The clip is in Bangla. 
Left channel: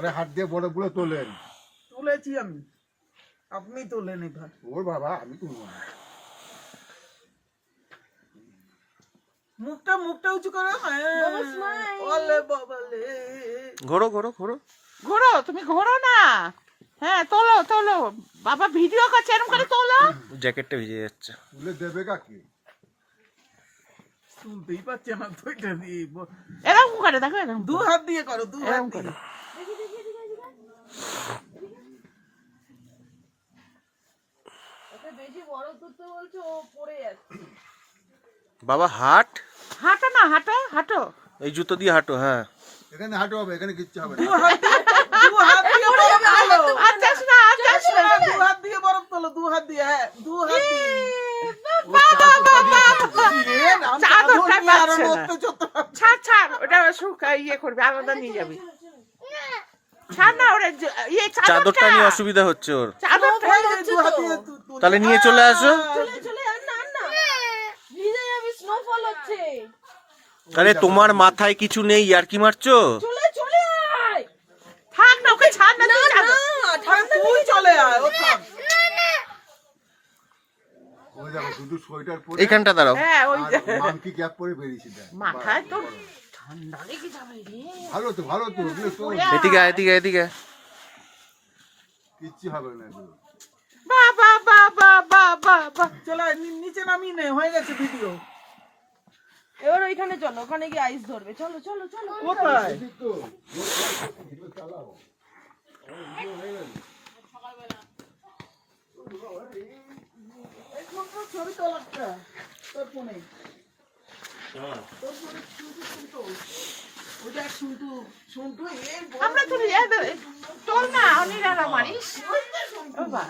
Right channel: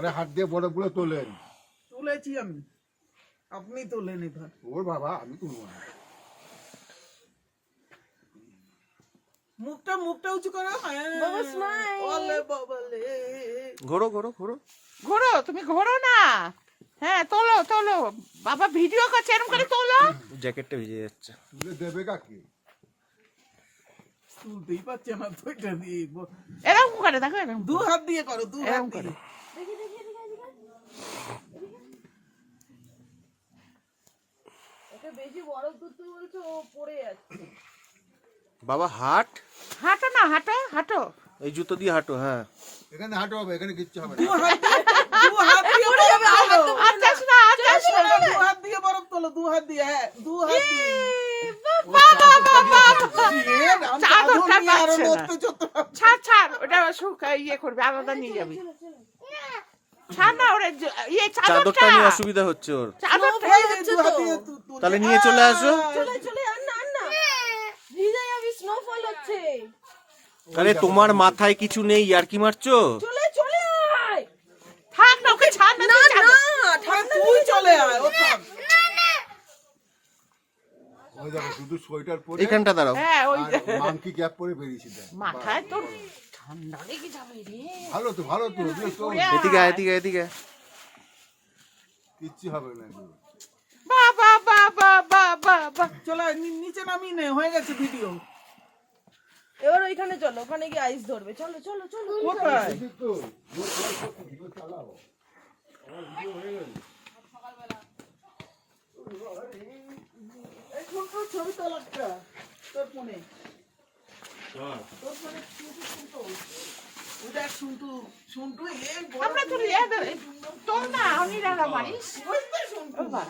আরে হাত দিয়ে বরফগুলো তোলেন। তুলেছি আমি, আপনি তোলেন এবার। ওর বাবা, আমি তুলবো না। মুখটা উঁচু করো। বাবা স্মাইল। ওলে বাবালে। ঘোরো ঘোরো ঘোরো। ঘোরো, তুমি ঘোরো না। হ্যাঁ তোলো তোলো, বাবা ভিডিও করছে, এরকম করে তোলো। জ্যাকেটটা ভিজে যাচ্ছে। তুলে দেবে কাকে? তুলতেই পারছে না তো এটা দিয়ে। এরকম করে দেখো, এরকম দু হাত দিয়ে করো, দু হাত এরকম দিয়ে। করে। ওকে বেশি বড় তুলতে বলছে, ও পড়ে যাচ্ছে। বাবা হাট, হাঁটো না, হাঁটো হাঁটো। এই জুতো দিয়ে হাঁটো। হ্যাঁ এখানে হাঁটো হবে, এখানে কিচ্ছু হবে দু না। হাত দিয়ে, দু হাত দিয়ে বরফ তোলো। আর যাস না, আর যাস না। দু হাত দিয়ে বরফ তোলো, দু হাত দিয়ে, হ্যাঁ দু হাত দিয়ে। ও চাদরটা দিয়ে চলছে। এ, আমি চাদরটা চাদর নিয়ে আরো পাচ্ছে না। নড়তে চড়তে পারছি না। ছাড় ছাড়, ওটা ইয়ে করবি, আলাদা নিয়ে যাবি। ছাড় না, ওটা ইয়ে চাদরটা নিয়ে অসুবিধা হচ্ছে ওর। চাদরটা এই যে দু হাত দিয়ে তুলছে। তাহলে নিয়ে চলে আসো। চলে চলে আন না, আন না। ভিজে যাবি, স্নোফল হচ্ছে। আরে তোমার মাথায় কিছু নেই, আর কি মারছো? চলে চলে আয়। থাক না, ওকে ছাড় না, না তুই না, চাদর। ঠান্ডা তুই চলে আয়, ও থাক। ও দেখো শুধু সোয়েটার পরে এইখানটা দাঁড়াও। হ্যাঁ ওই আর মাংকি ক্যাপ পরে বেরিয়েছি। দেখ মাথায় তো ঠান্ডা লেগে যাবে রে। ভালো তো, ভালো তো, বেশ তো। এদিকে আয়, এদিকে এদিকে। কিচ্ছু হবে না এগুলো। বাবা বাবা বাবা বাবা। চলে আয়, নিচে নামিয়ে নে, হয়ে গেছে ভিডিও। এবার ওইখানে চলো, ওখানে গিয়ে আইস ধরবে। চলো চলো চলো। কোথায়? এখন তো ছবি তোলা একটা, তোর ফোনে। তোর ফোনে শুনটু। ওই দেখ শুনটু, এই বড় আমরা তুলি, তোর না অনিরারা মারিস। ওই যে শুনটু। বাবা